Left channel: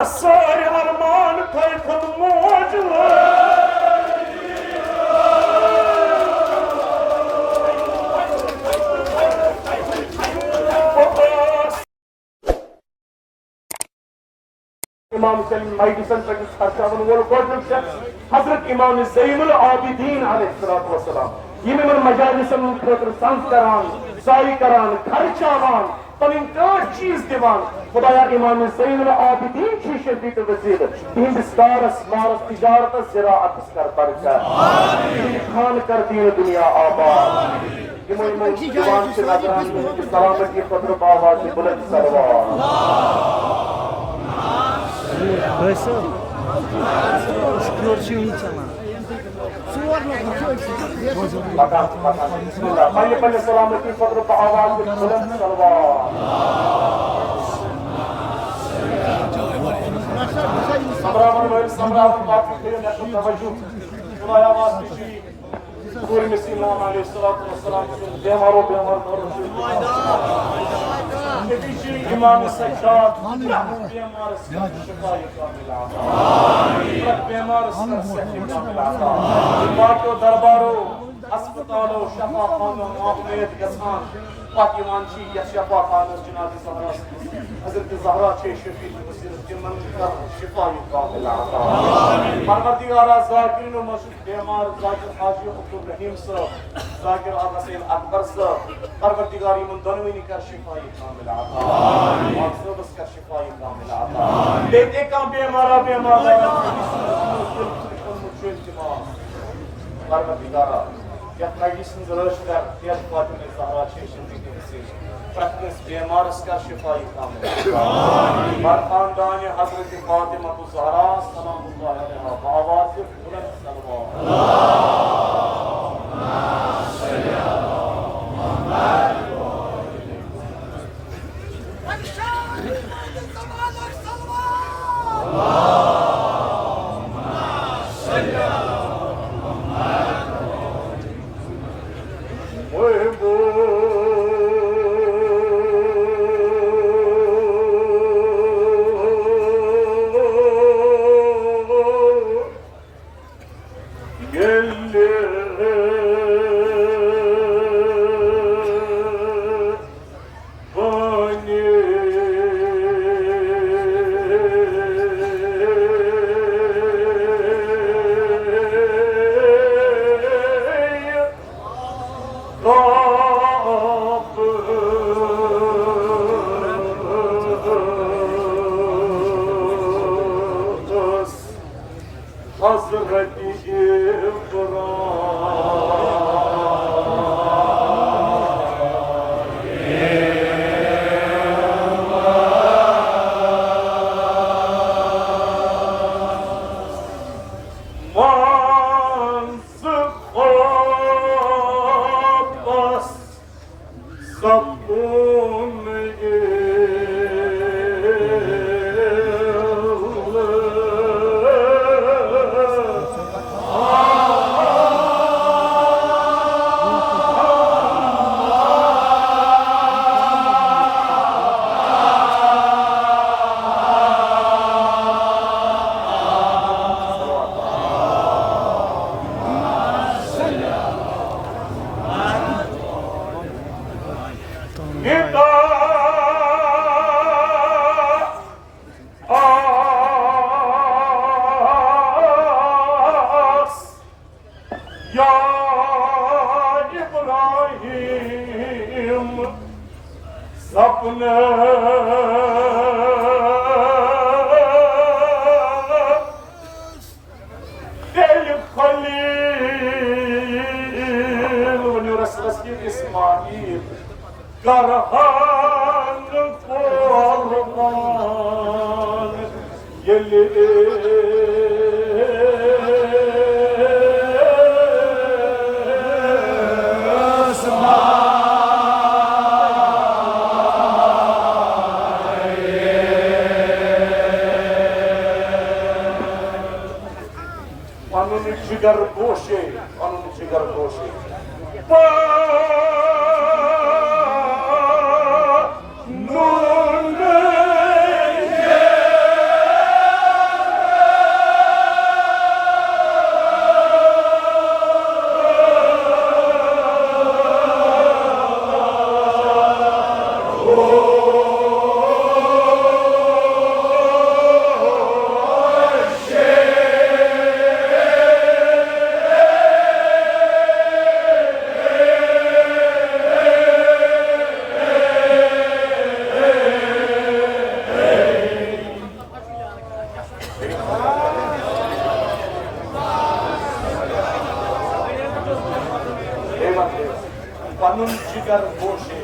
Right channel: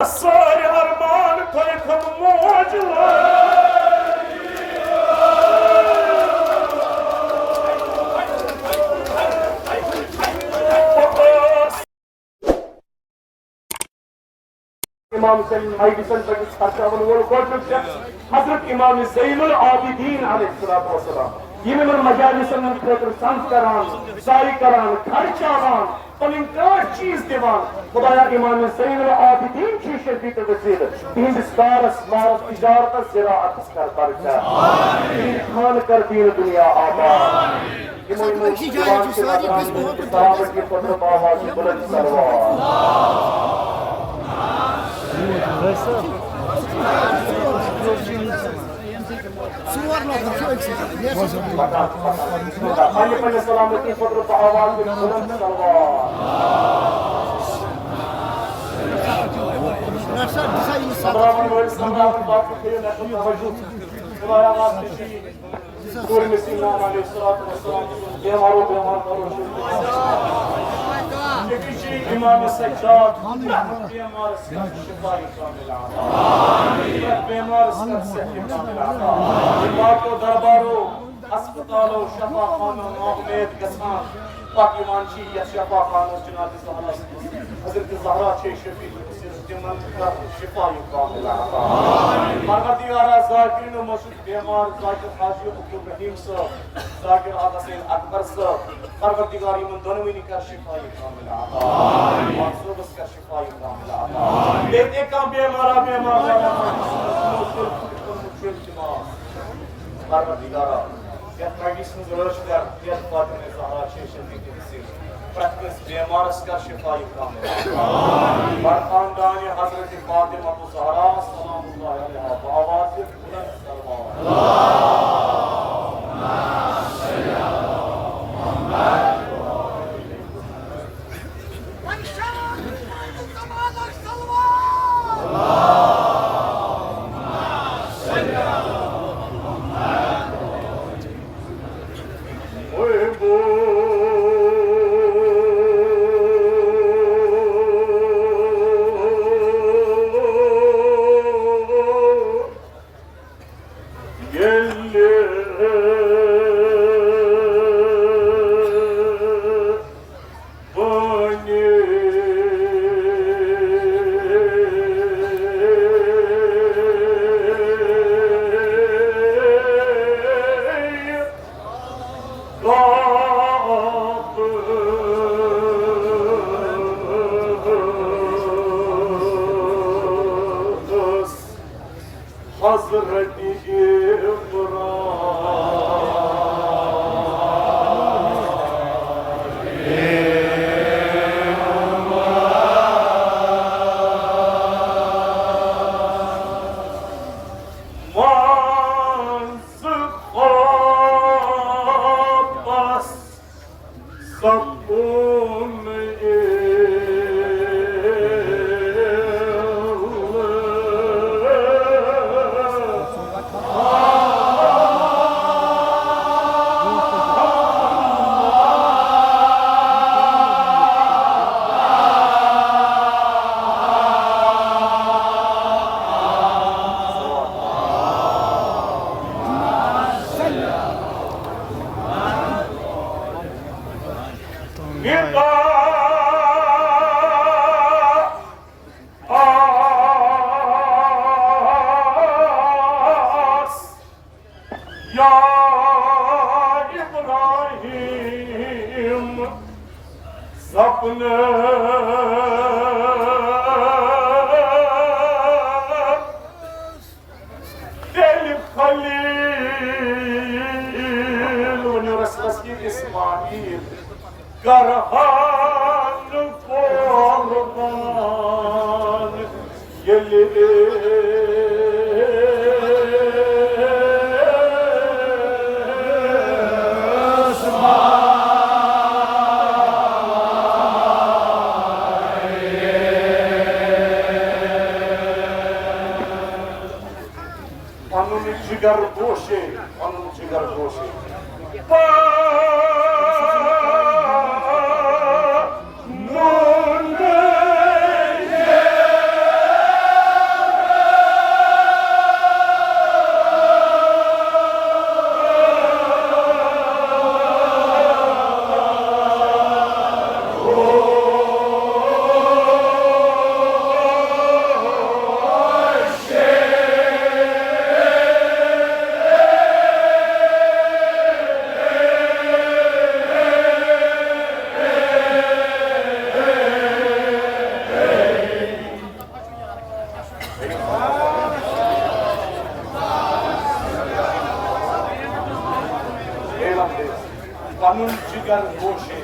सारे अरमान थम मौज इमाम मेडिसन पे हजरत इमाम ज़ैनुल आबिदीन अलैहिस्सलाम यिमन मजालिसन खतर संस करान सारी करान खर्चावान पन चीज दिवान खुदाया इमाम ज़ैनुल आबिदीन की शदीद वसील हिंदुस कारस मारस तिजारत ज़राअत कर बरका खान कर दीन दुनिया आबाद इमाम दीवान से नजरान सलामत की खतर आवाज बुलंद करवा पहले सलामती खतर आवाज बुलंद करवा सब्रावन बात के नशो तवज्जो खुदाया वास्ते पूरे मसीना अलैहिस्सलातु वस्सलाम बेमारो करो इमाम सज्जाद बीमार से शिफाई कामिल आमीन बीमार से सेहत कामिल आमीन बातो दरबारो अस्पतालो शफाखानो उम्मीद गसान पाक ईमानची या शफाखानो जनाब ज़हरा हजरत ज़हरा छे शफी तिमन का शिफाई कामिल आमीन परवरदिगार ज़ाकिरीन व मशहूर बीमार ज़ाकिर हाजी अब्दुल रहीम साहब ज़ाकिर आगा सैयद अकबर साहब परवरदिगार इमन दोनों का शिफाई कामिल आमीन मासूबस का शिफाई कामिल आमीन देते का बीमारा बीमार परवरदिगार या मेडिसिन जरूरत है या फातिमा ज़हरा शेषन की वसीले प्रत्येक बीमार का शिफाई कामिल आमीन खानदान हजरत फातिमा ज़हरा सलामुल्लाह अलैहा आवाज़ बुलंद करवा अल्लाहुम्मा सल्ली अला मुहम्मद जिगर गोशे पनुन जिगर गोशे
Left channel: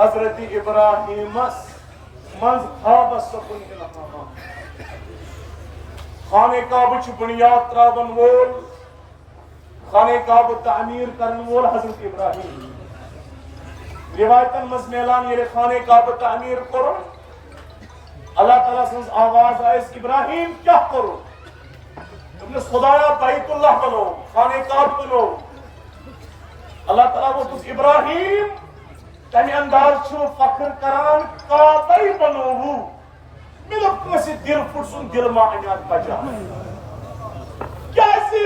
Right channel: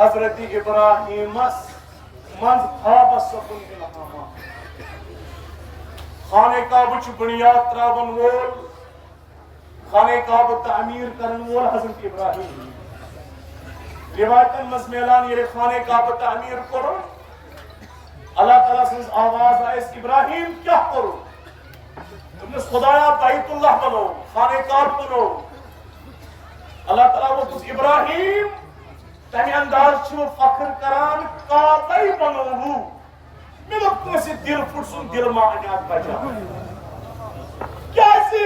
हजरत इब्राहिमस मंज खाबस सकुन इल्हामा खाने काबुच बुनियाद त्रावन वोल खाने काबु तामीर करन वोल हजरत इब्राहिम रिवायतन मज मेलान ये खाने काबु तामीर करो अल्लाह ताला सन्स आवाज आए इब्राहिम क्या करो तुमने खुदाया बैतुल्लाह बनो खाने काब बनो अल्लाह ताला वो कुछ इब्राहिम तमी अंदाज छो फख्र करान काबई बनोहु मेरा कैसे दिल फुटसुन दिल मा अनात बजा कैसे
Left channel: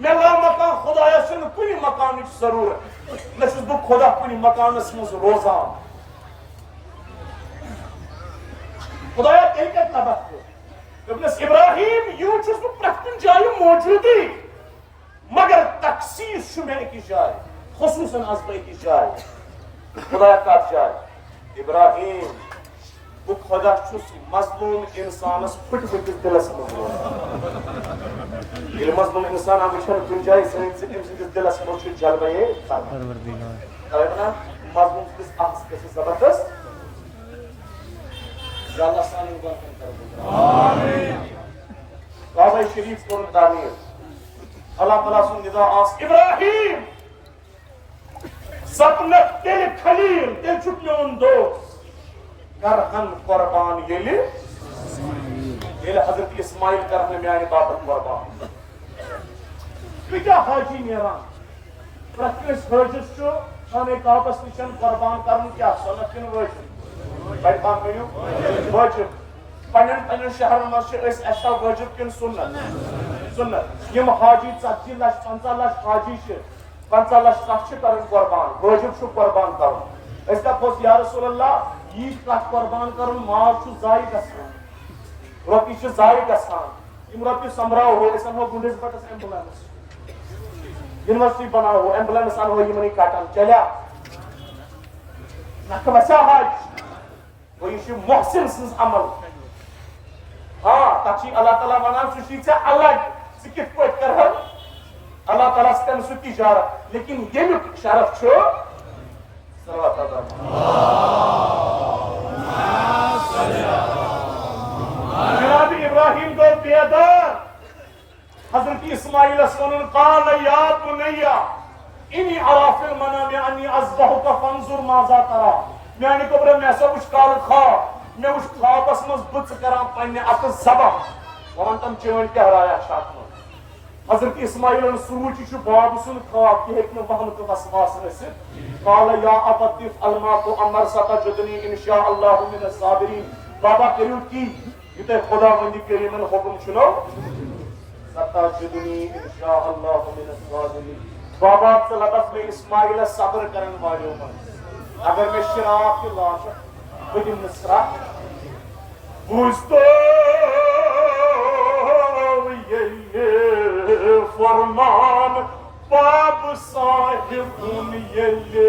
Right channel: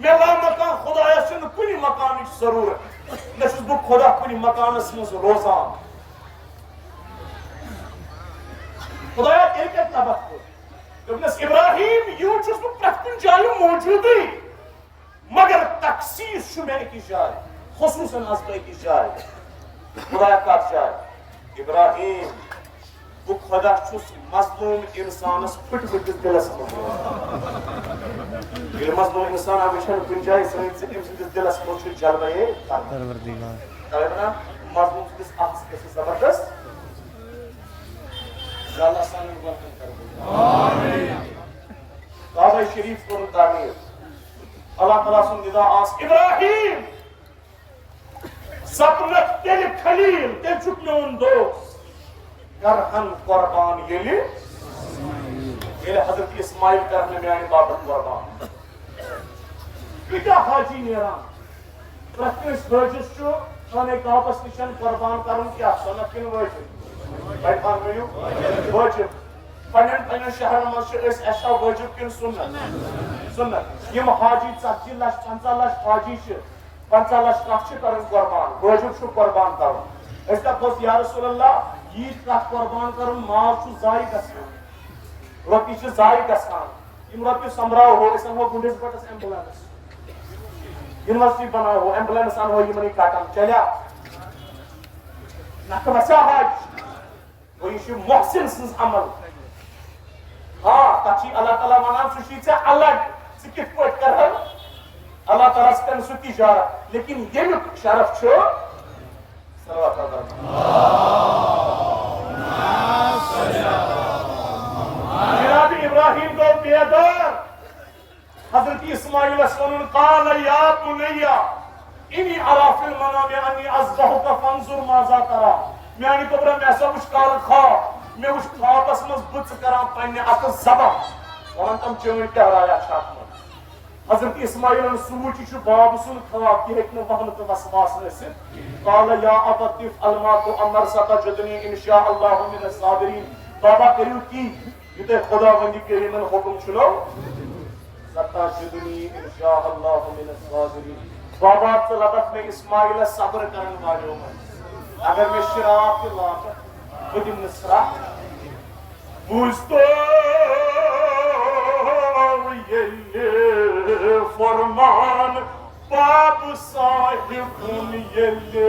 मेला मकान खुदाया से कुनी मकान की जरूरत नसुस बु खुदा कुनी मकान मज रोजा खुदाया एक तबक्को इब्न इब्राहिम यूचुस बु प्रकुन जाय मौजूदी मगर तकसीर शुमे की जाय खुसूसन अज़बै की जाय खुदा का जाय इब्राहिम वो खुदा छुस मजलूम इंसानस फुट फुट दिलस ये मजलूम इंसान हमेशा कुन जाय सहित दिलस मोच जलवे परवरदिगार कहना मजलूम किस आस के जबरदस्त अल्लाह सान बरकत कर आमीन काबा शरीफ को तामीर अल्लाह ताला सुन निदा आस इब्राहिम सपना तेरे खलील ते चुकलोन दो करहन कुर्बान येले हजरत इस्माइल करने में आने बाबत कुर्बान क्या हाजी मेरा प्रत्येक वर्जस जो खाने काबस निशन कुर्बान करन क्या सनत किन वर्जस भाई पान मिलियो वर्जस पन्न शहर में से ऐसा वर्जस किन सुन्नत ये हाजी 40 लाख 50 लाख हाजी से 50 लाख कच्चे करन कुर्बान वर्जस छु कुर्बान करन ऐसा पोस या रसूल अल्लाह ये कत कुर्बान करन माव छु जाय गसान रोटी छु जाय गसान यम रोटी समराव हो इस हो गुंडिस बटस एम्बुलेंस यूनिवर्सिटी बनाओ हो एम्बुलेंस आन हो यमनी काटन चला नकमसा हज वो ये मुहसिन सिंस अमल हां ताकि अल्लाह ताला वना सुशी से अलग सिकित पट कर अल्लाह ताला से सु तिजारत लेकिन ये शरफ छो सलावत जनाब इब्राहिम को बेदार हजरत इस्माइल क़ाल या बुनैया इन्नी अरा फिल मनाम अन्नी अज़बहुका फंजुर माज़ा तरा। मैंने गोब्रा मैं सब उस काल ख्वाब मैं उस ख्वाबस मज बुत करां पन्ने अत ज़बह वन तम चोन क्या राया छात में। हजरत इस्माइल सूच छु बाब सुन ख्वाब कि हेक न वहन तो वसवास से क़ाल या अबतिफ अलमा तो अमर सतजदनी इंशाअल्लाहु मिन अस्साबिरीन। बाबा करियो की युते खुदा वंदी करीमन हुक्म छलो सतजदनी इंशाअल्लाहु मिन अस्साबिरीन। बाबा तलबत में इस्माइल सब्र करन वालों में अगर मैं शराब की लाश बदिन नसरा बुस्तो ये फरमान बाब साहिब ये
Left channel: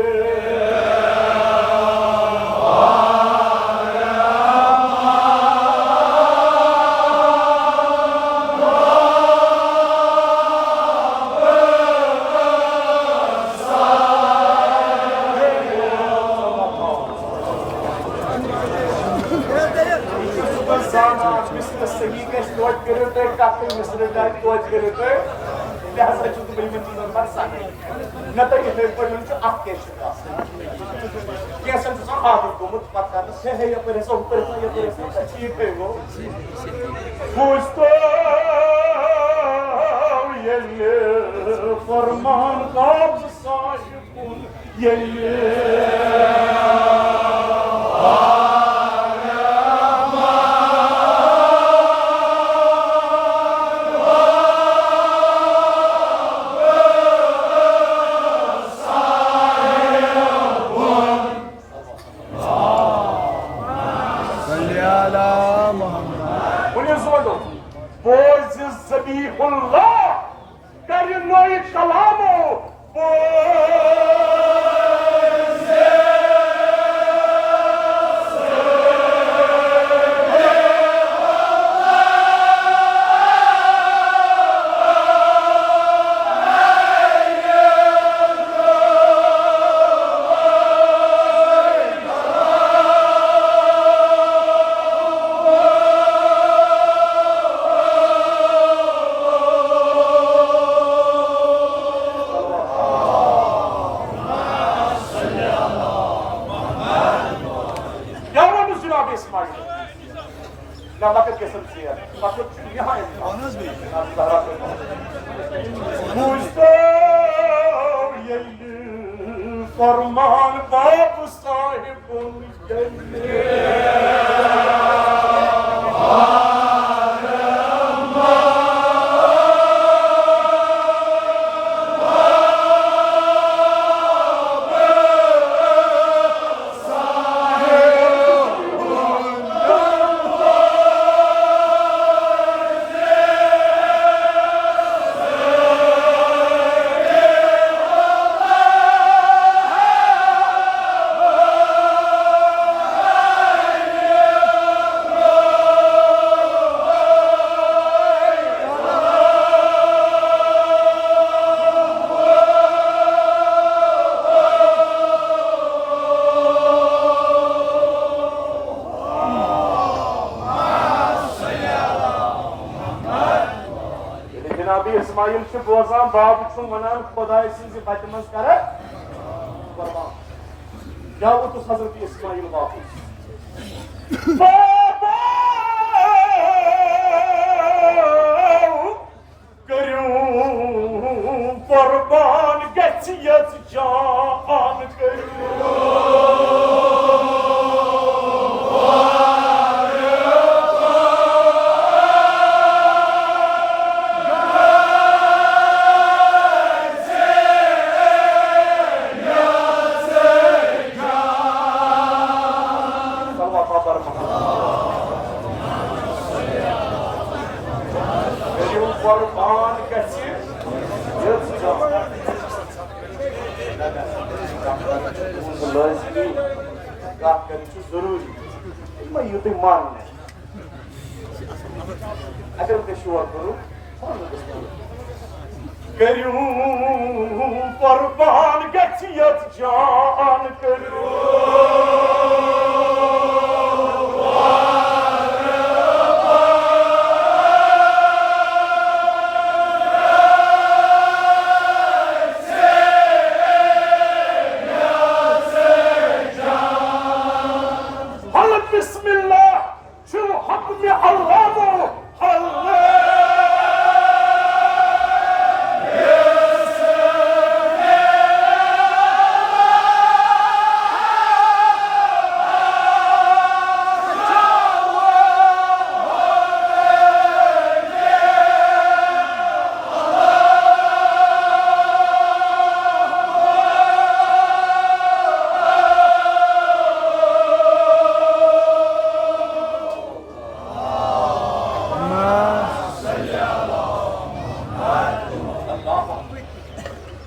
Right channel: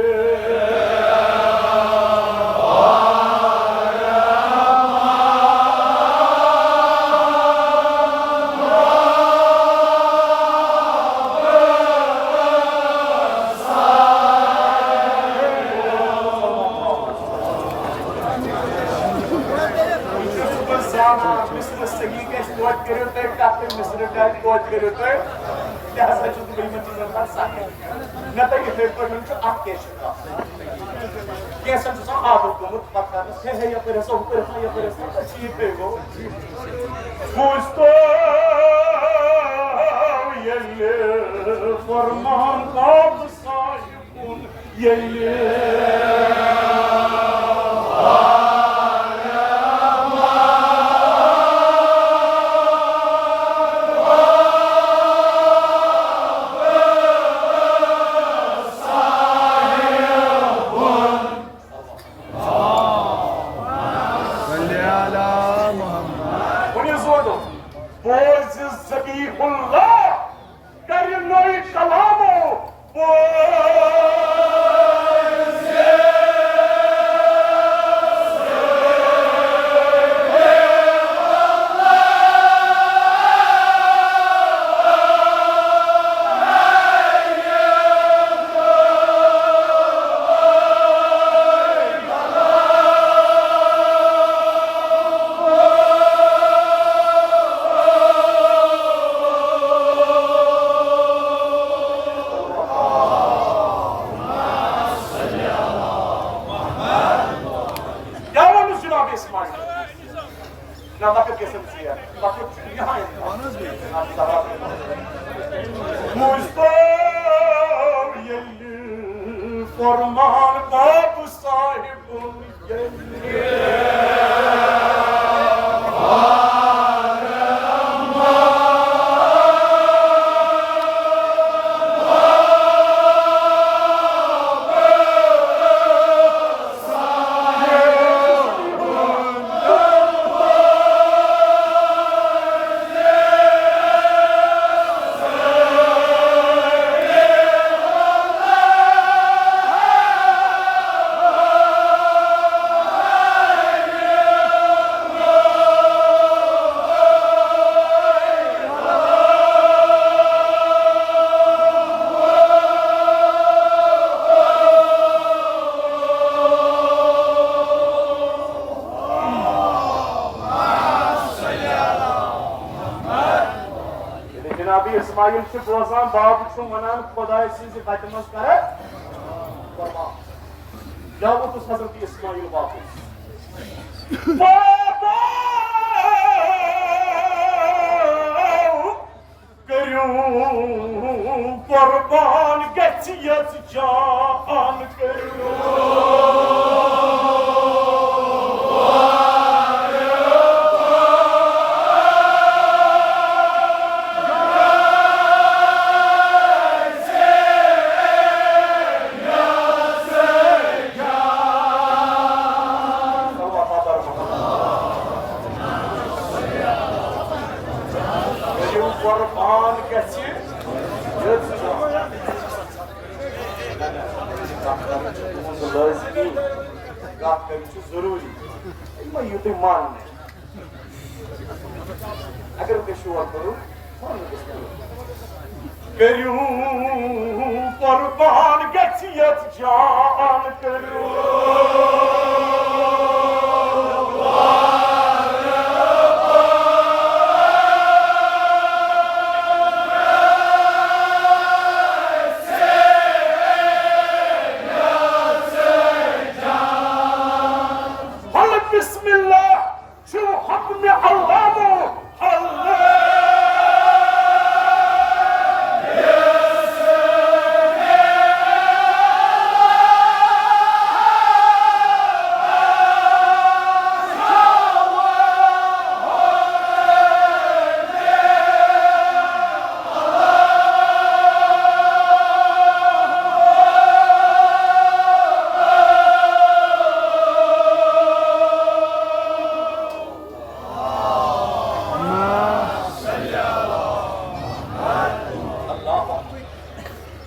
फरमान बाब साहिब फरमान बाब साहिब इस्माइल से बोजान बाब छु वनान खुदा से बचमस करे कुर्बान या वो तो हजरत इस्माइल वापस बाबा करू कुर्बान गचियत जान करू जरूरी मैं युद्ध मान अगर पेशवा करो करू कुर्बान गचियत जान करू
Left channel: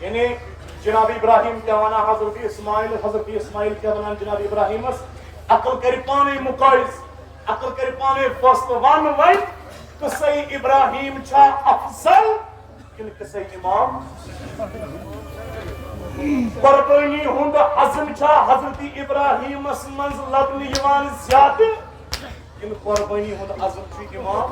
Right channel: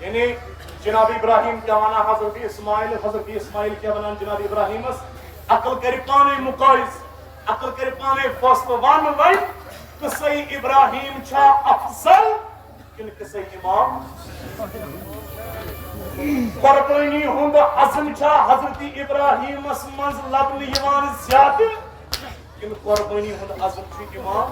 यानी जनाब इब्राहिम क्या वना हजरत इस्माइल क्या वना जनाब इब्राहिम अकल कर पाने मुकाइस अकल कर पाने फस्त वन वन किसे इब्राहिम छा अफजल किन किसे इमाम कुर्बानी हुंद अज़म छा हजरत इब्राहिम मंज लबन यवान ज्यादा किन कुर्बानी हुंद अज़म छु इमाम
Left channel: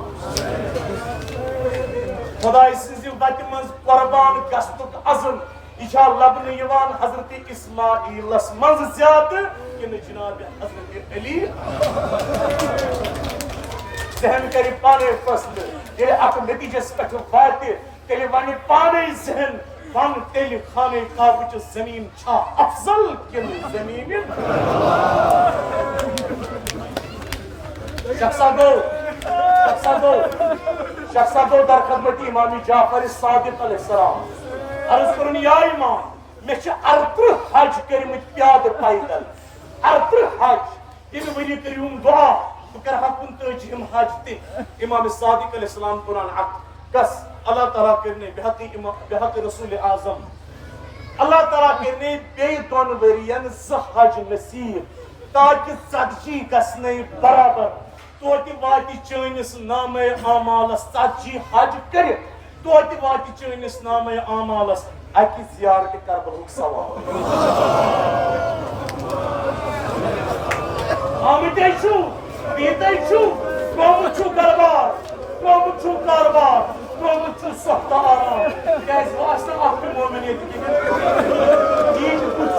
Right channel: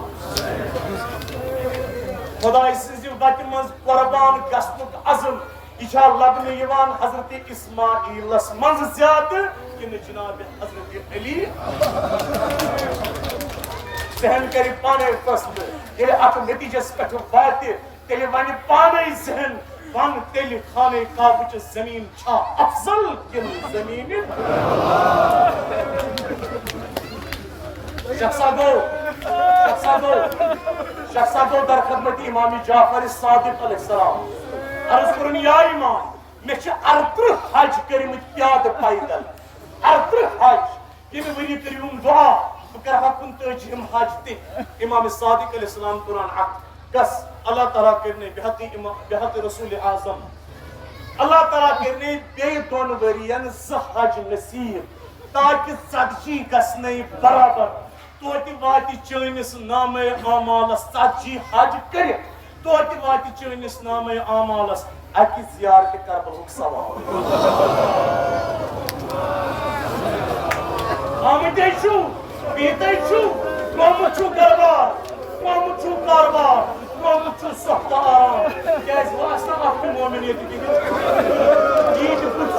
खुदाई सिंज वत मंज कुर्बान गस्तुक अज़म इशा लबन यवान हजरत इस्माइलस मंज ज्यादा किन जनाब हजरत अली जहन करी पाने फस्त ये अक नतीजस पे वात तेल वन पाने जहन वन तेल खाने काबच जमीन छा अफजल किन जमीन शख्सा दो दर खदमत इमाम जाफर सादिक अलैहिस्सलाम अर्ज करन या इमाम मे छ 38 हज करमत प्याद पैदल 38 हज यमे वरी करियम दुआ बह कर 55 हज ते इमाम सादिक अलैहिस्सलाम कुरान अक कस अल्लाह ताला करने बेहक रसूल आजम अल्लाह ताला करने बे दोन वरियन ज हज नसीब ताकि सदजी गसने बराबर तोति वाति चनिस नामे आमालस सदजी हज कर तोति वाति चनिस नामे आमालस अकि जियारत करबलुक सवाब आमते छु बीते छु कोमुछु कारबार कोमुछु सख्त आराम कैस वास्ता आपके मोमिनियत की दीन कुछ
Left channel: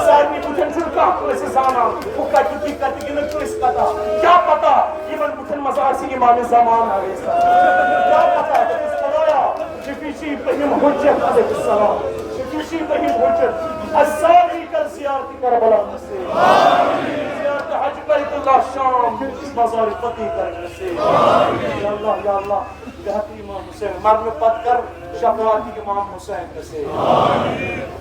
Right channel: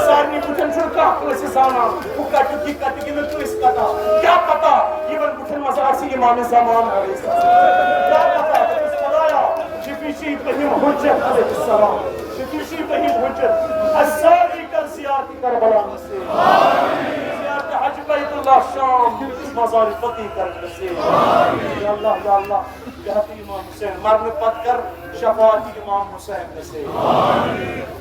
सारनी बुठन छु का कैसे जाना वो कट की न किस कथा क्या पता इवन बुठन मजार से इमाम ज़मान है क्या पता इस खुदाया शफीशी बहिम हुज्जत अलैहिस्सलाम शफीशी बहिम हुज्जत अस्सारी कर जियारत करबला से आमीन जियारत हज बैतुल्लाह शाम मजार फतेह करने से आमीन या अल्लाह जहाँ इमाम हुसैन मरने पत कर शफाअत इमाम हुसैन से आमीन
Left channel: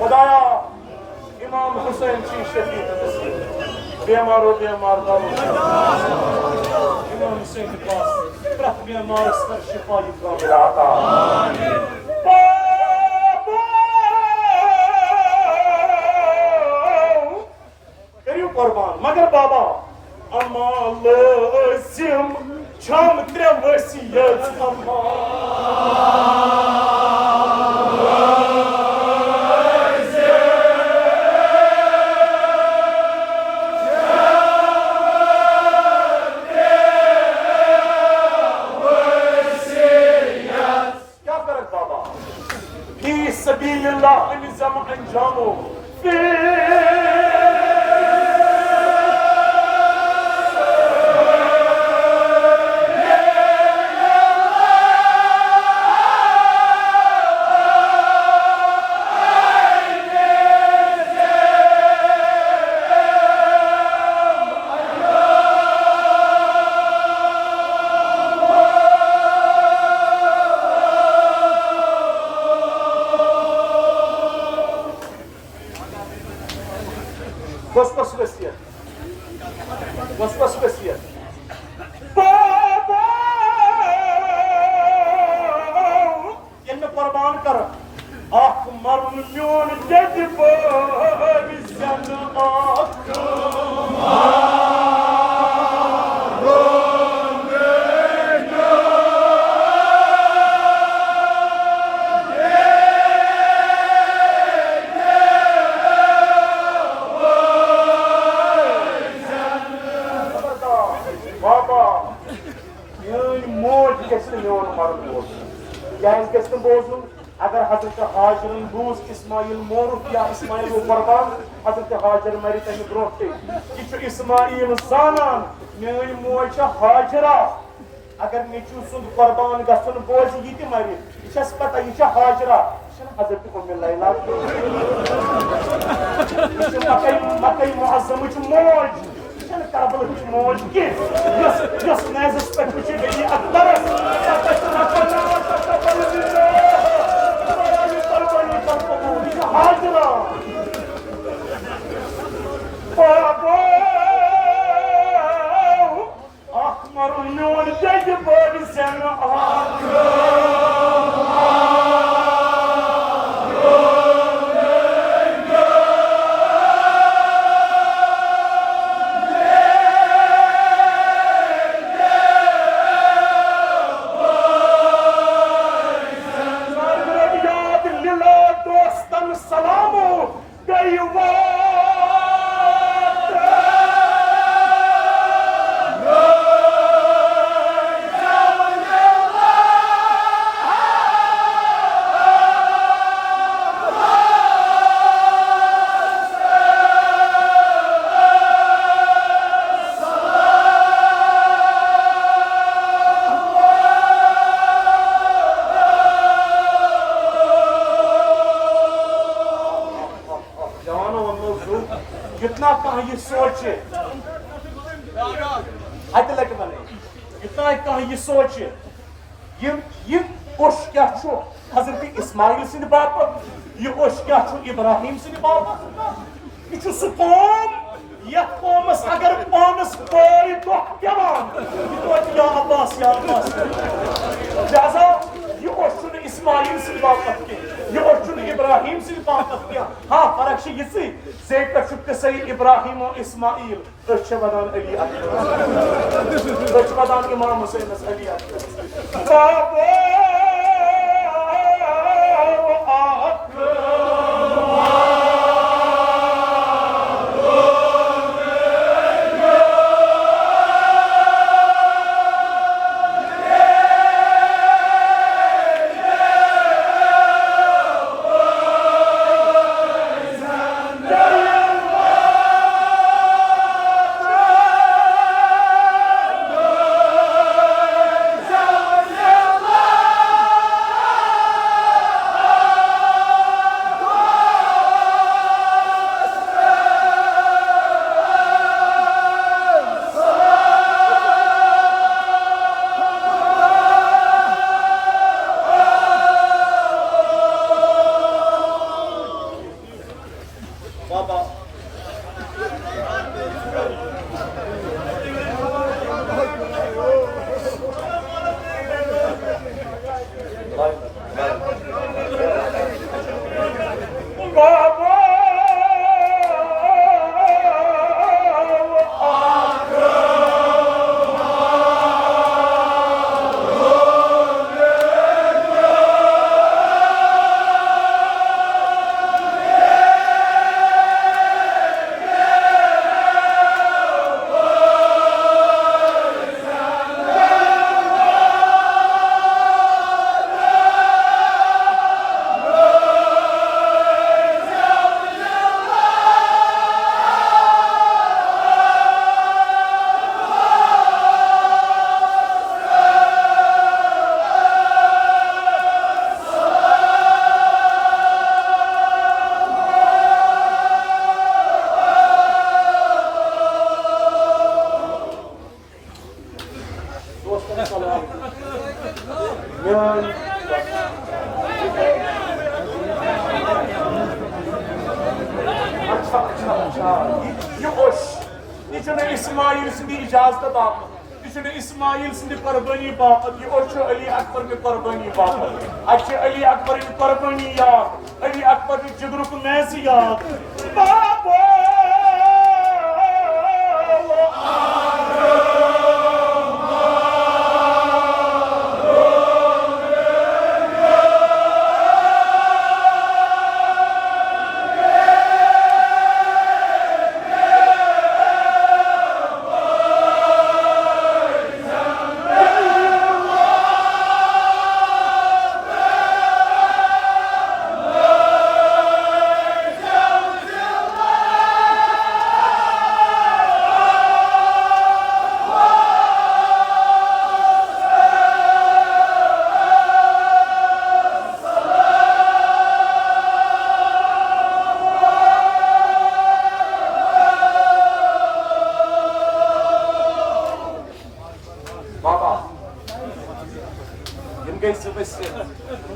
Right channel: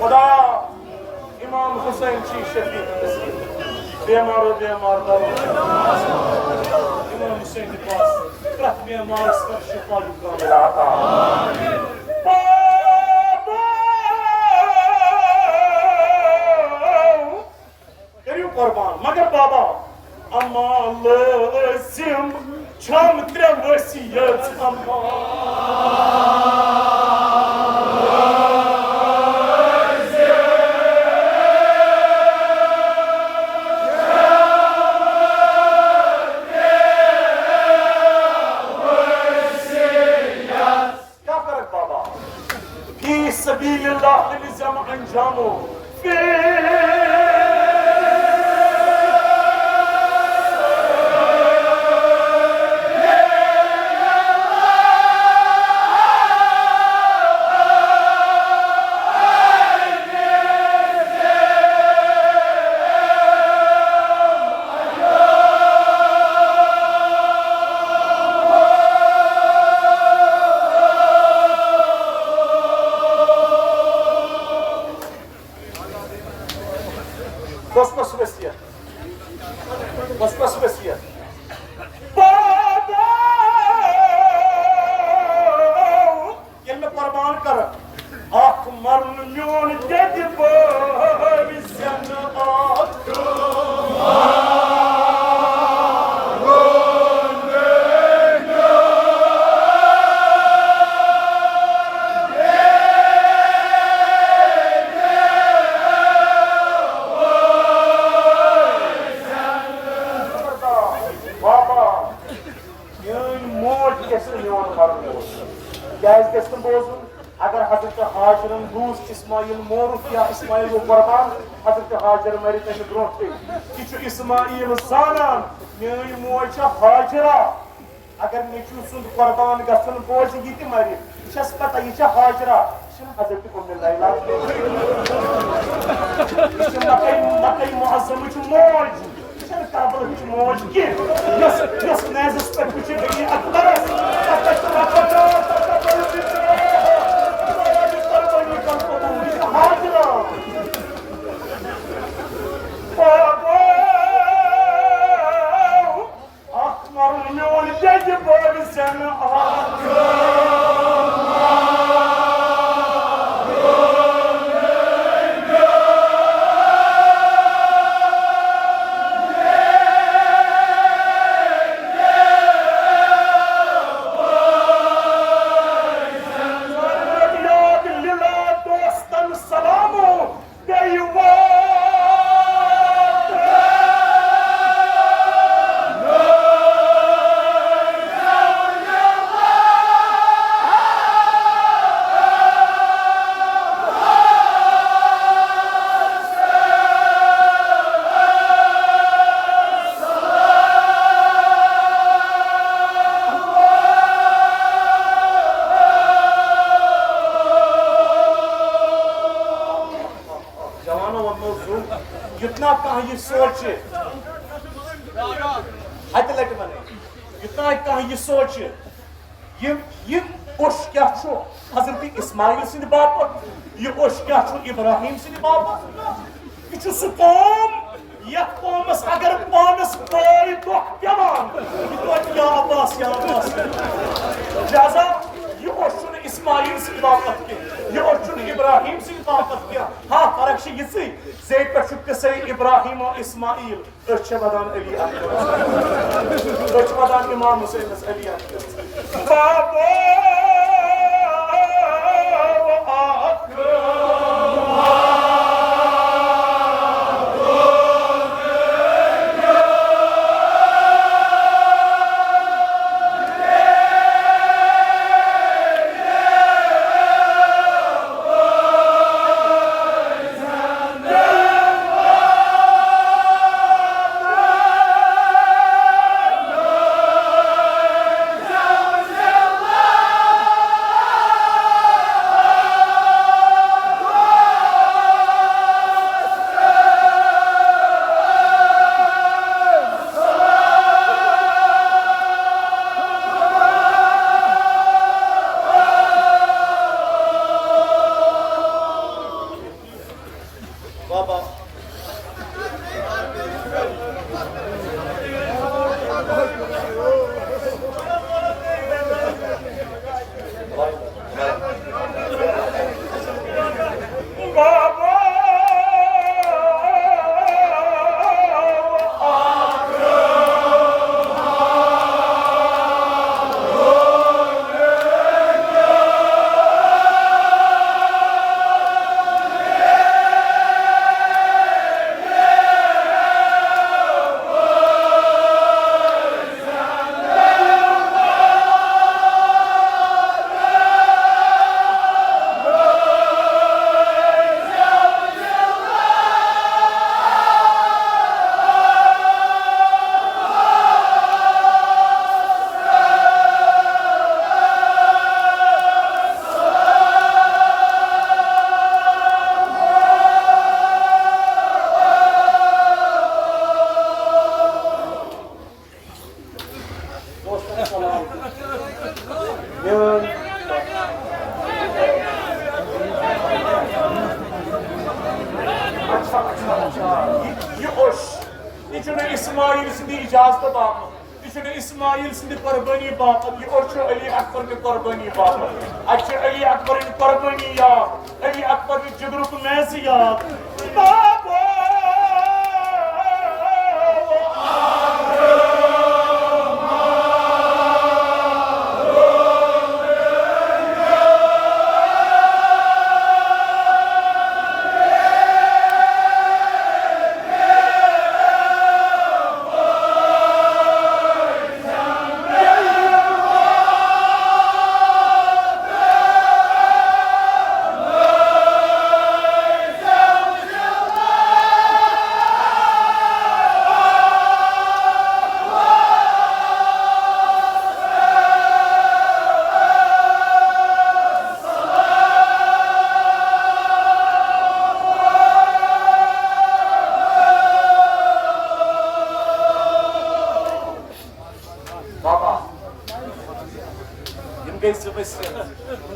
खुदाया इमाम हुसैन की शफीक नसीब बेमार दारो इमाम हुसैन के पास प्रत बेमार कर शिफा कामिल आता आमीन कुर्बान मगर बाबा अम्मा लाजिम छम त्रे वसियत अम्मा क्या करे बाबा फी सबीलिल्लाह निज़ाम अंजामो अगर हजरत हाजर दूस इस्माइल मोरुख या इस्माइल कुर्बान हजरत हाजर मरी तम ब्रोटे यह इस्माइल जानान मेरी मोज हाजरा अगर नेचू सुन कुर्बान गसन बोझ यह मरी यह पता यह हाजरा हजरत उम्मे लैला मकई मुअज़्ज़म मोज करबल मोज की यस नेज़स पे कुछ नहीं अकबर Dedi böyle seni जितना कहीं ये सोचे हद लग बने जितना कहीं ये सोचे ये उस क्या छो हजरत इस्माइल सिंह बाप ये उस क्या छो इब्राहिम सिंह बाप ये छो सुकूम या कौमस अगर पानस कोई तो क्या बात ये या अब्बास लिहाजा ये उस इस्माइल सिंह बाप के ये उस इब्राहिम सिंह बाप के हाँ फर्क से ये सी Zeyd Başuk'ta Seyyid İbrahim ve İsmail Ölçemeden Ali Akbar Ölçemeden İmam Hüseyin Ali Akbar Baba İsmail sindi kurbani bapat ये और अली अकबर के कुर्बानी बाप अच्छा अली अकबर की कुर्बानी याद अली अकबर की जिगरू को मैसी याद बाबा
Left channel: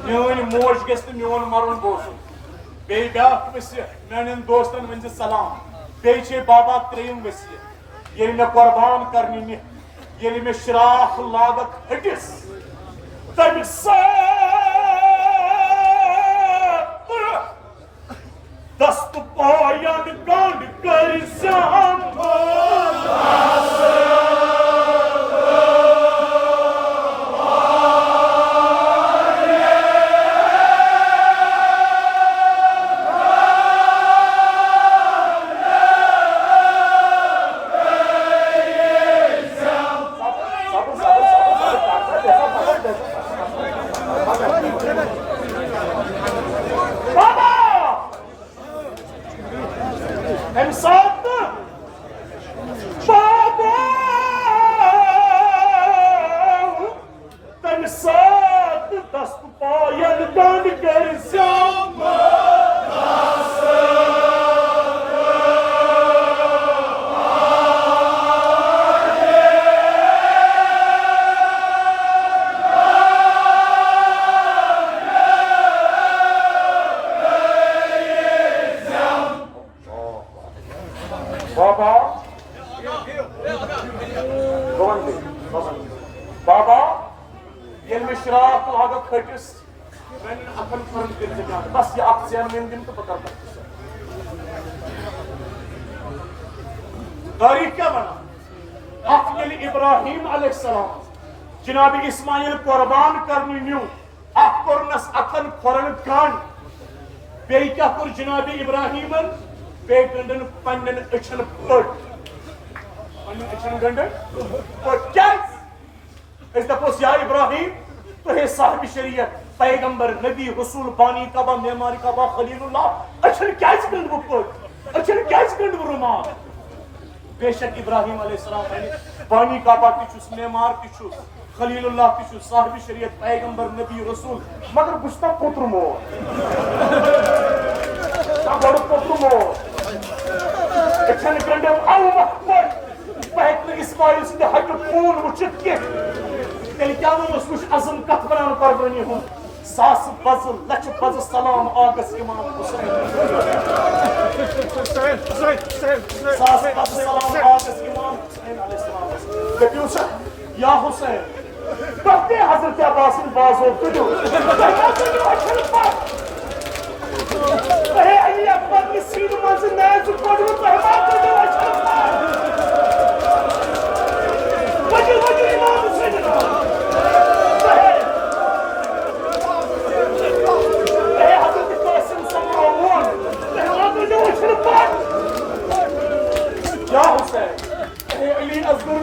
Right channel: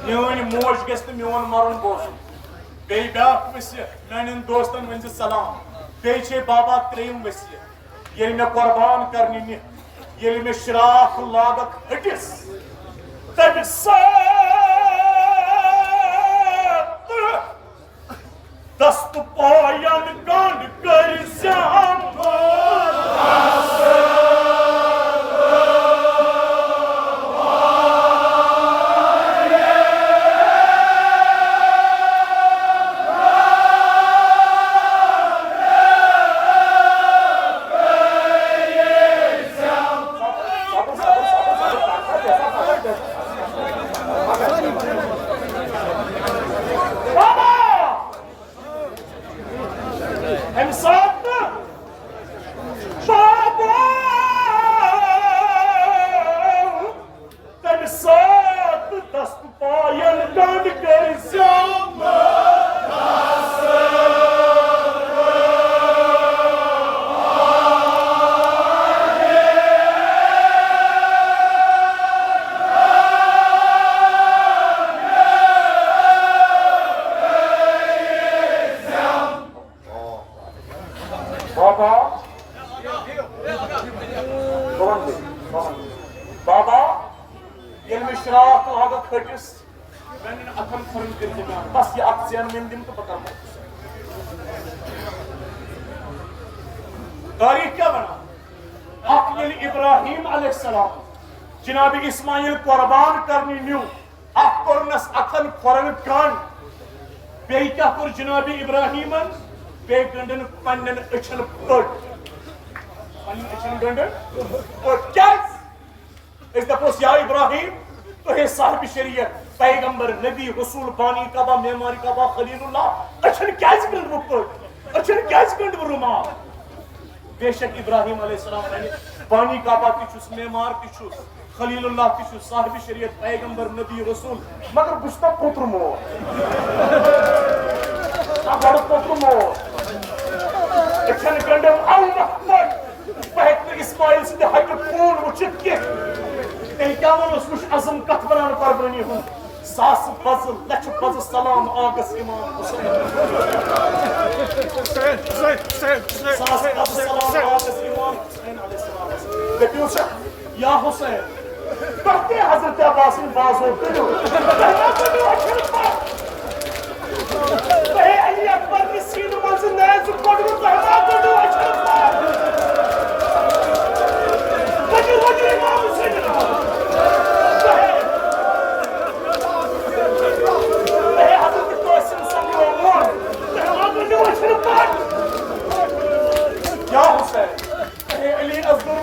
Mion moş geçti mion marun boş. Bey bak vesi, menin dostan vence salam. Bey şey baba treyim vesi. Yerine kurban karnini. Yeli me şirah lagak hıkis. Tabi sattı. Dastı payan gand karizam. Baba, yel mishraaq laga khajis. मैंने अकल firm के जगह बस ये अक्सियन में दिन तो पता है तारीख क्या बना अकल इब्राहिम अलैहिस्सलाम जनाब इस्माइल कुर्बान करनी न्यू अकरनस अकल फरन कान बे क्या कर जनाब इब्राहिमन बे गंडन पन्नन अचन पट पन्नन अचन गंडन और क्या इस दपोस या इब्राहिम तो है साहिब शरीयत पैगंबर नबी रसूल बानी काबा मेमारी काबा खलीलुल्लाह अचन क्या गंड वो पट अचन क्या गंड वो रुमाल बेशक इब्राहिम अलैहिस्सलाम बानी काबा किचुस मेमार किचुस खलीलुल्लाह किचुस साहिब शरीयत पैगंबर नबी रसूल मगर बुझता पुत्र मो बड़ पुत्र मो अचन गंड औ मत पहक इस्माइल से हट पून उचित के क्या उस अज़म कथ बनान कुर्बानी हूं सास बज लच बज सलाम आगस इमाम हुसैन सास बज सलाम आगस इमाम हुसैन अलैहिस्सलाम दपियो या हुसैन कहते हजरत अब्बास बाजो कदो ए अली अकबर की सीन मंज नैज पड़ो पहला कदो अच्छा वजह इमाम हुसैन क्या Hussain Ali अज़्ज़र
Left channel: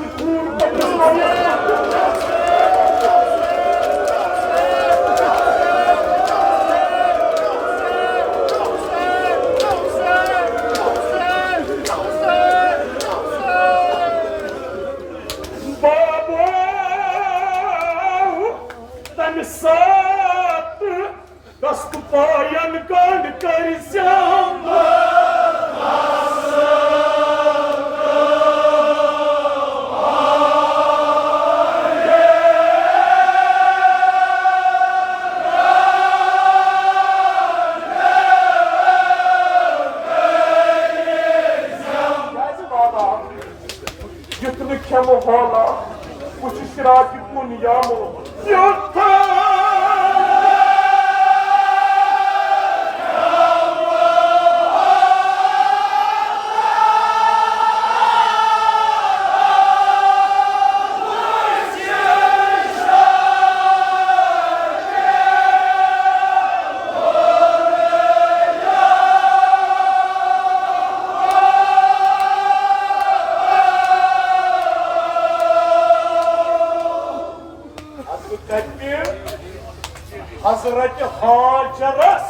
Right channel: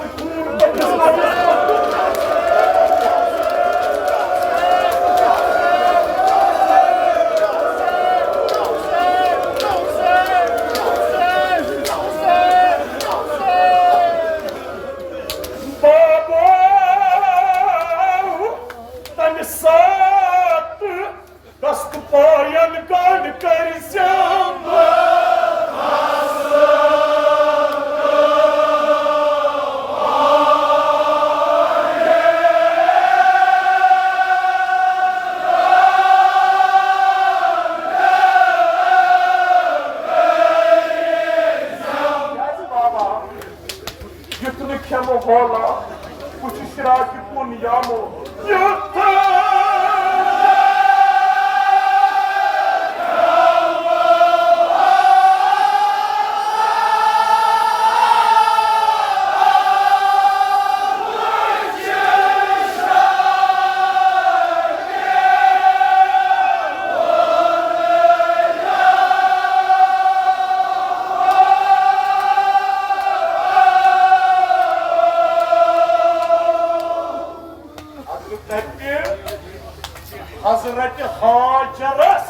Hazreti Hacer'es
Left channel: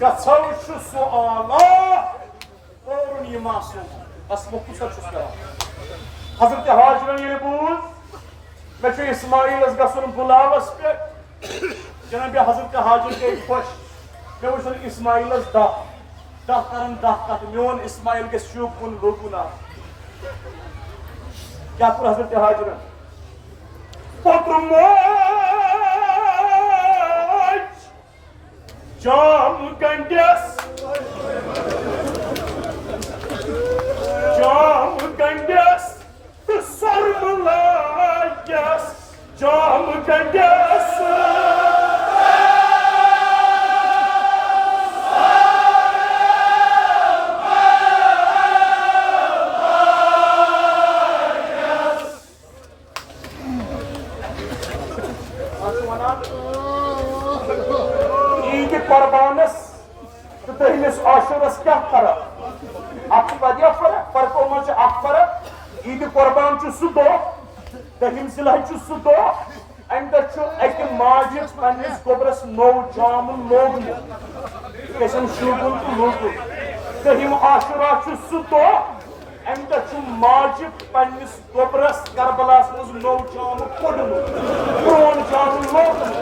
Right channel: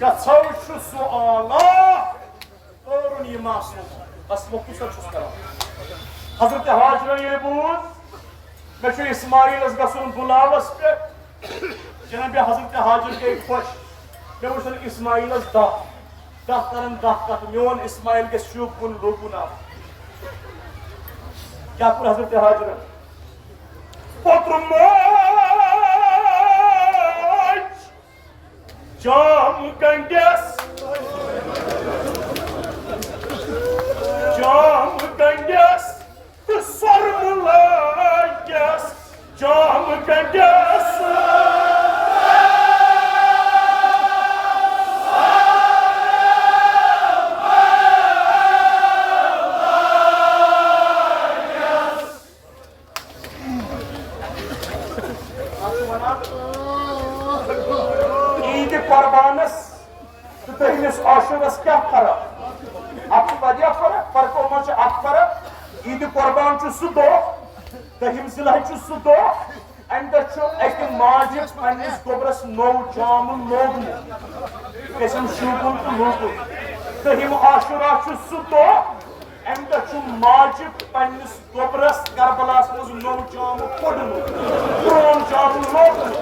gazavşu suala orun yimasın asmokusa çustara Hazreti Hacer'ın yeri buz meço İsmail az gasunun bulavas pe Cenab-ı Hazreti Hacer ke hoş me uçan İsmail az dahtarın dahkat meon İsmail ke şubun lobuna kya kur Hazreti Hacer'ın potrum Jam gandes the sorrow sarılayas cam gangası. Tehlis aşurası kya fara? Akı vadiya fara, fark olmanca ak fara. İdi kurban çusu do, tehim silah çusu do. Enda çu ekin macip annes gobras no camın logun. Kesin şubun logun. Tehim aşura çusu do. Enda çu macip annes gobras karbalasınız no camı kodun. Kur'an camın logun.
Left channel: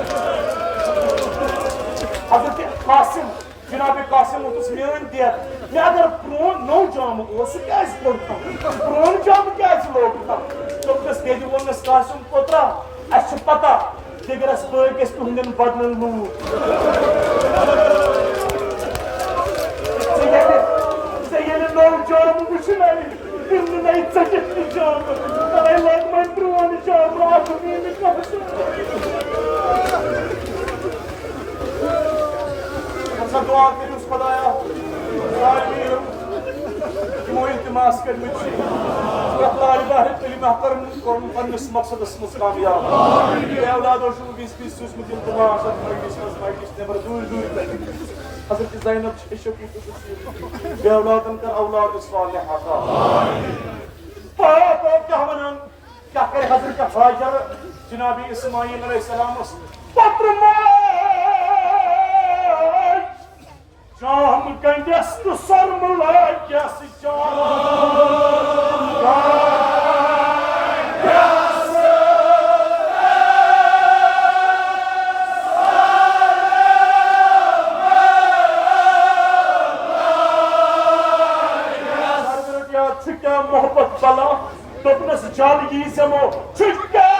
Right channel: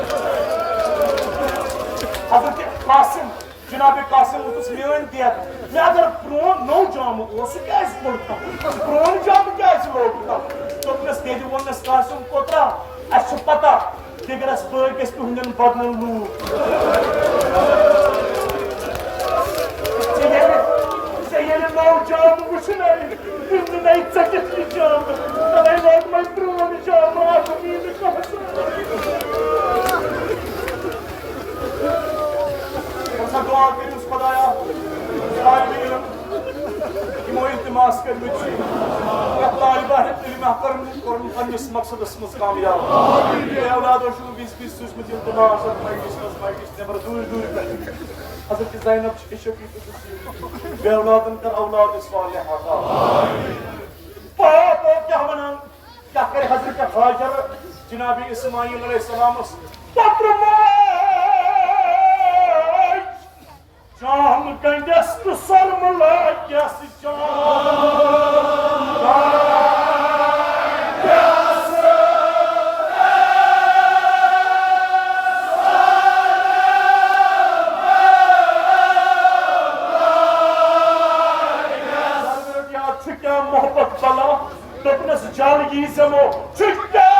Hazreti Kasım Cenab-ı Kasım utus meğen diye. Ne agar pron no camı olsa kya is korktam. Pron camı kya is loktam. Topnes dedi vonas Kasım kotra. Aşpata. Degeras bölges tuhnen badnal lu. Seyene no camı buşunay. Şimdi ne çaketli camı. Taray lakmay pron camı. Akımini kasım. दुआ करें उस खुदाया ज़ालिमीन कि वो इल्तिमास कर मुझे या तालिबा है इल्म महतरम करम पन्निस मकसद इसमें कामयाब या औलादों शु 20 सूस में इल्तिमास माइकिस ने दूर दूर कर हज़रत ज़ैनब शफी को या औलादन कर औलाद सालिह आता पाप क्या बना क्या करे हज़रत हाजर जनाब इस्माइल अलैहिस्सलाम पुत्र Cam gangası sarmala gesi cam gangası sarmala ya çükya muhabbet bala topnes jal yisem o çükya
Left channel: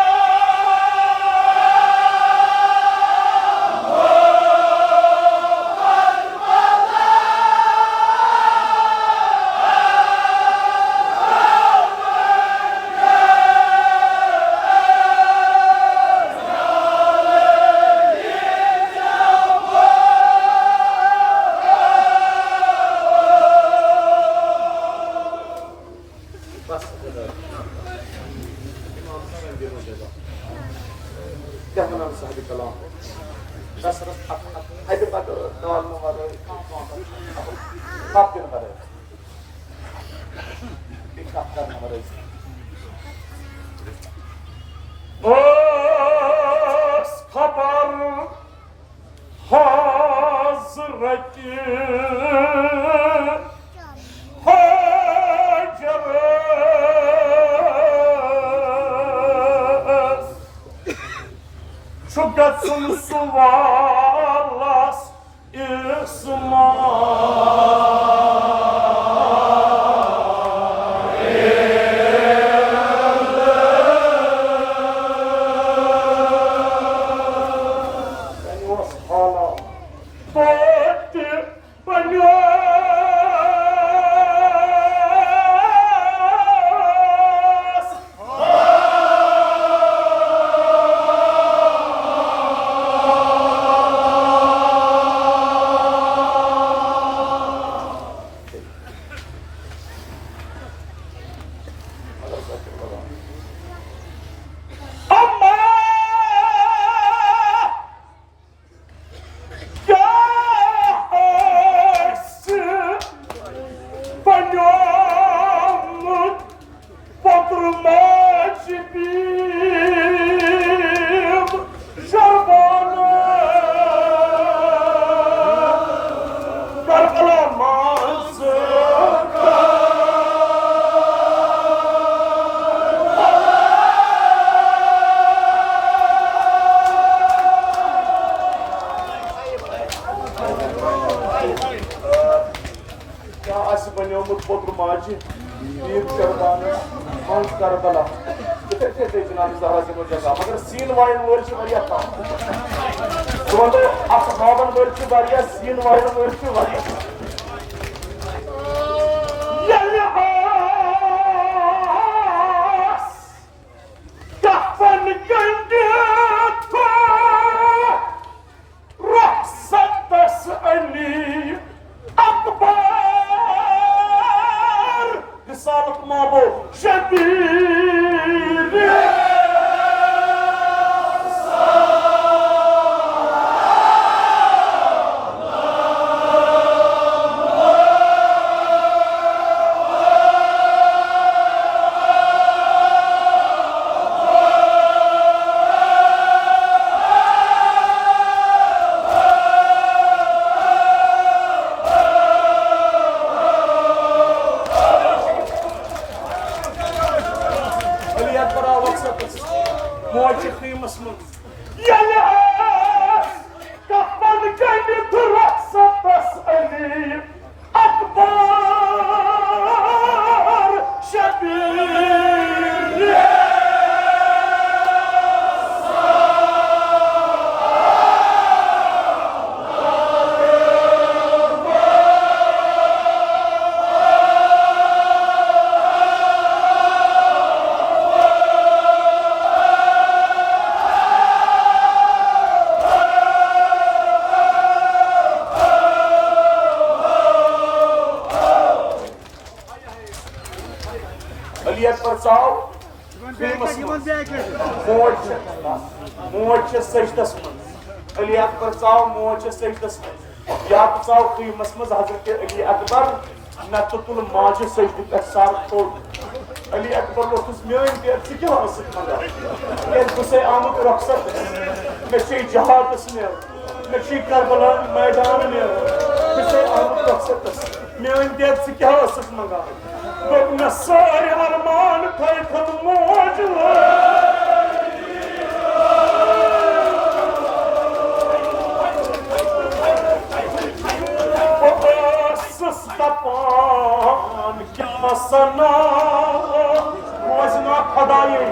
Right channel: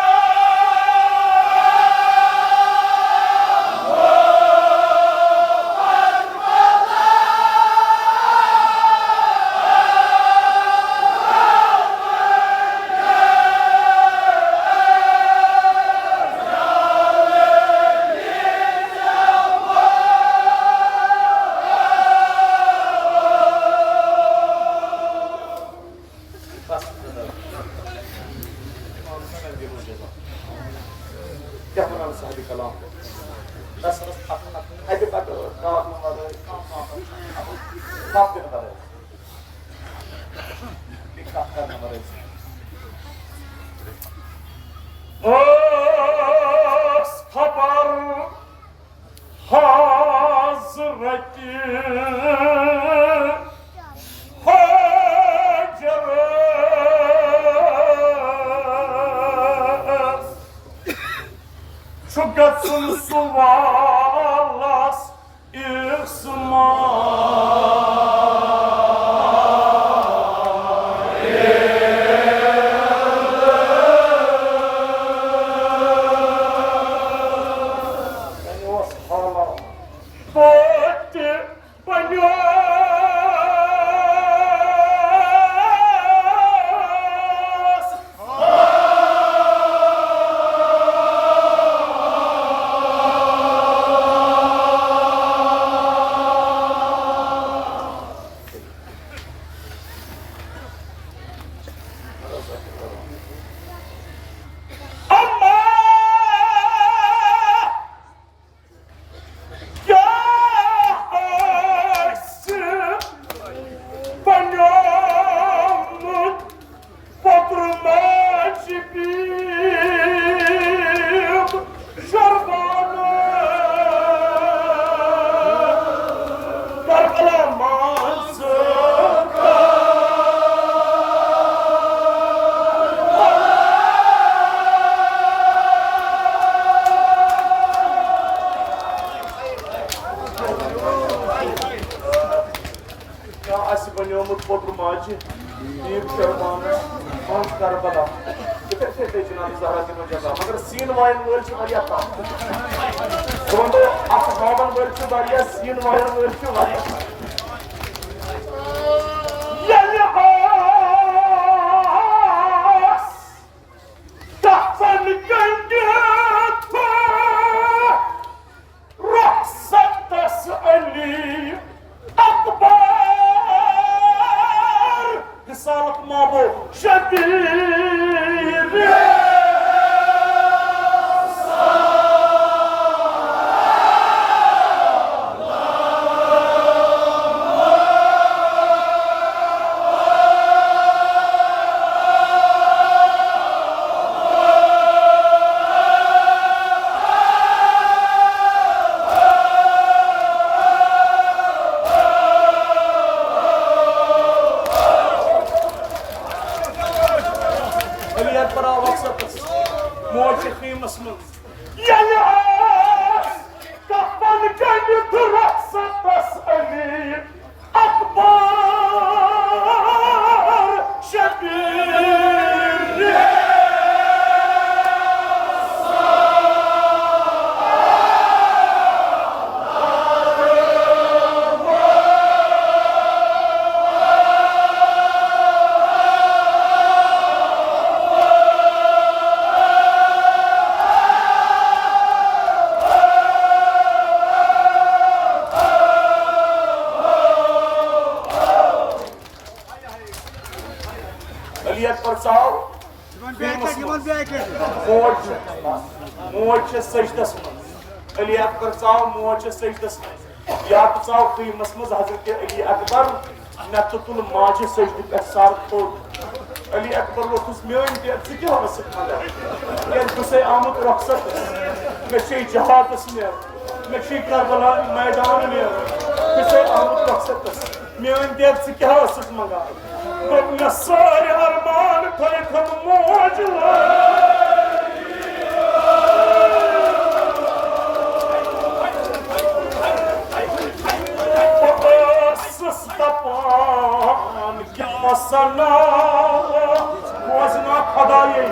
मगर सीन वाइन मोल से बढ़िया था तो आप बाबन मोल से बढ़िया सीन वाइन मोल से बढ़िया خيمس من يلي كفن كنت رخصة تسألي أكبر شبير परचाओ मोज सजदस अली अकबर चाव मोज सजदस या चाव खीमस मज हजरत अली अकबर मे तुल माज सजद पे सर थोड़ अली अकबर वोथुस मेन पे बस आमुत रखसत मे जहादस मे करबला मैदान बस आमुत रखसत मेन पे क्या मंगा मैं सारे अरमान थे थम मौज सस्तापान क्या सना मौजना खदाई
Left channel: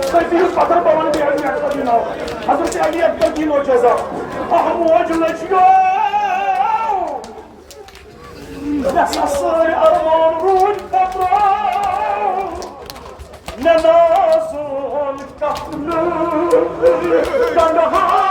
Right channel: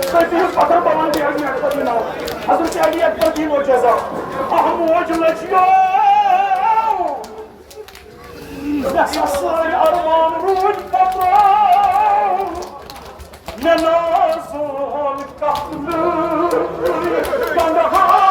سيدي القطر بلان دي علي أكبر لنا حضرتي علي أكبر دين وجزاء أهم وجل أجياء نحصر أرمان روج فترة ننازل كحل كنها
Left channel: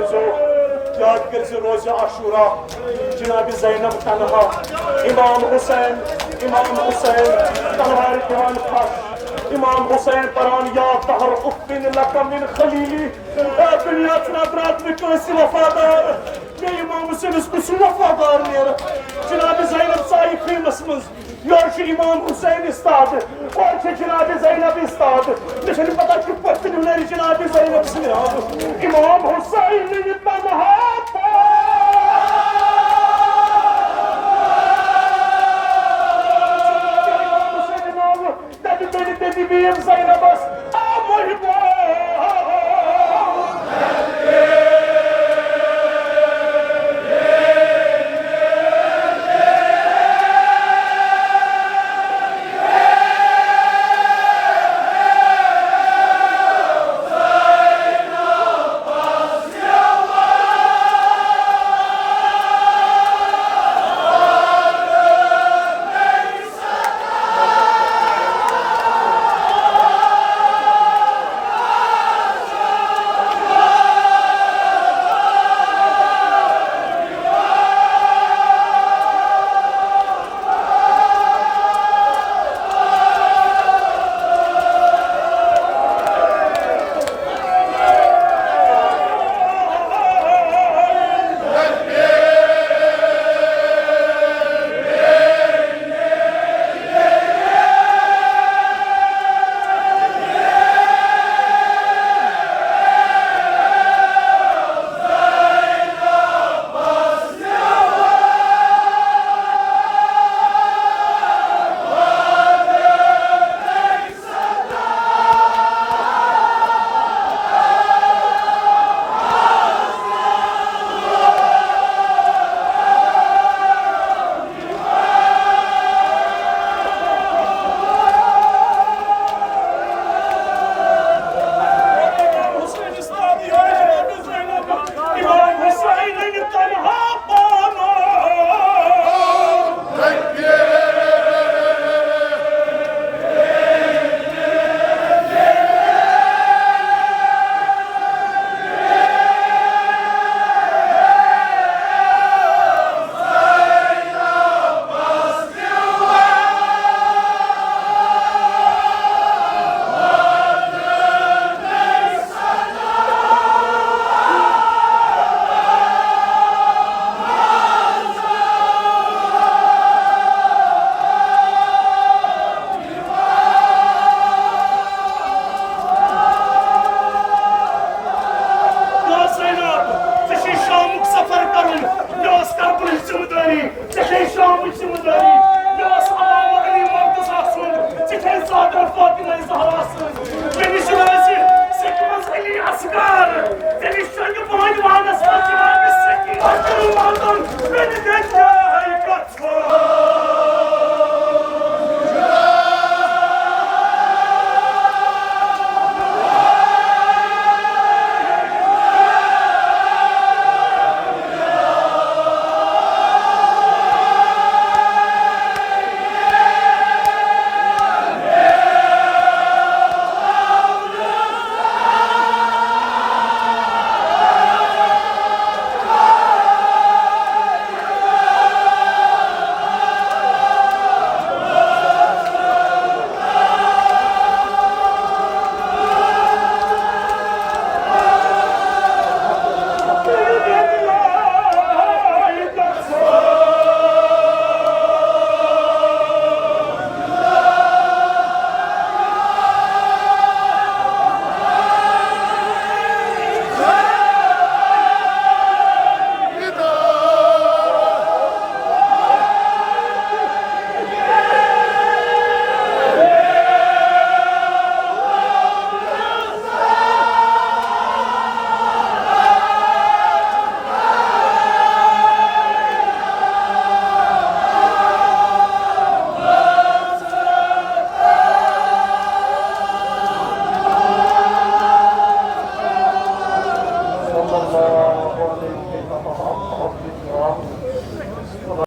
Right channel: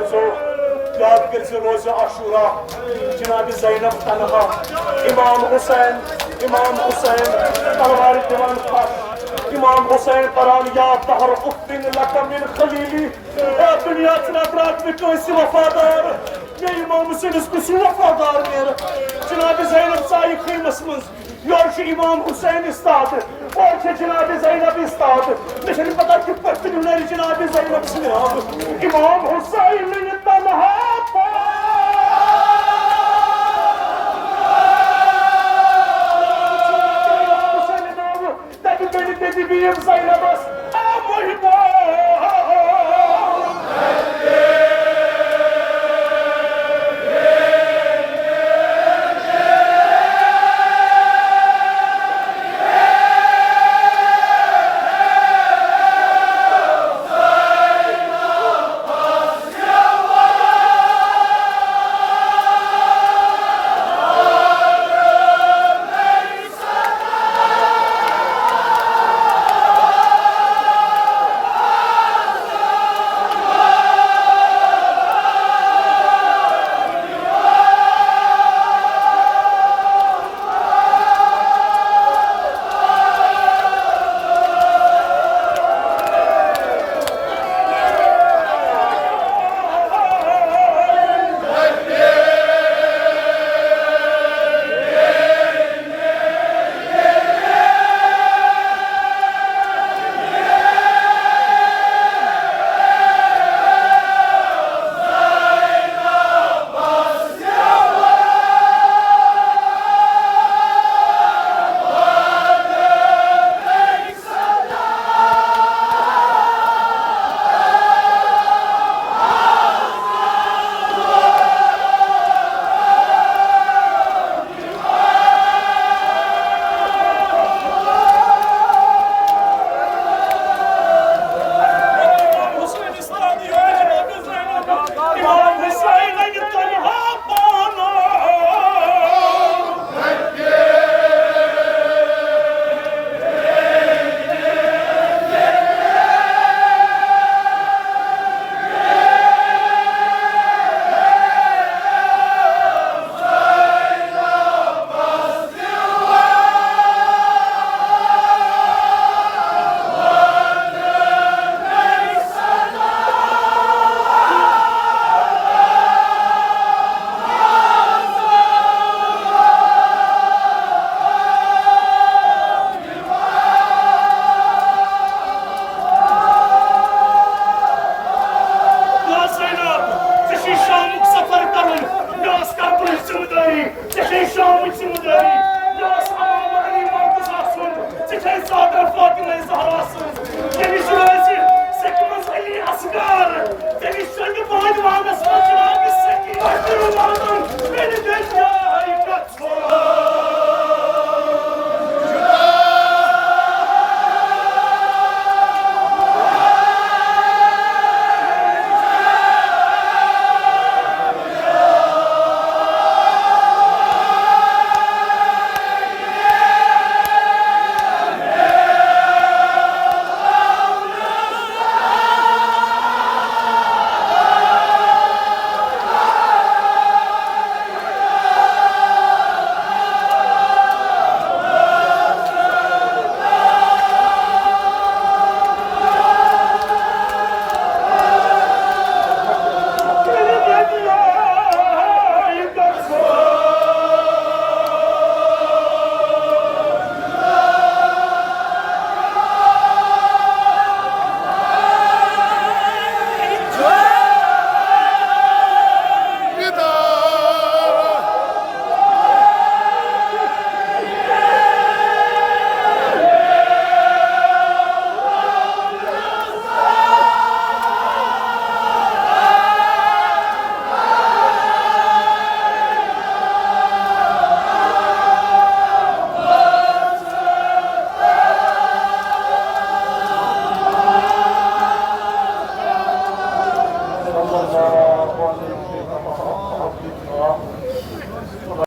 कर जो रोज़ आशूरा जनाब ज़ैनब तन्हा इमाम हुसैन तलवार कुरान पाक इमाम हुसैन परान या दहर उफ्फिन लका मिन खलीली या दुनिया तनातरात में कैसे वफादार मैं इमाम हुसैन उसको वफादार मेरा जनाब ज़ैनब साई खीमस मंज योर इमाम हुसैन इस्ताद और जनाब ज़ैनब इस्ताद मुझे पता कि पत्नी उन्हें जनाब ज़ैनब से इमाम हुसैन तन्हा Dedi bir Zeynep'as amırda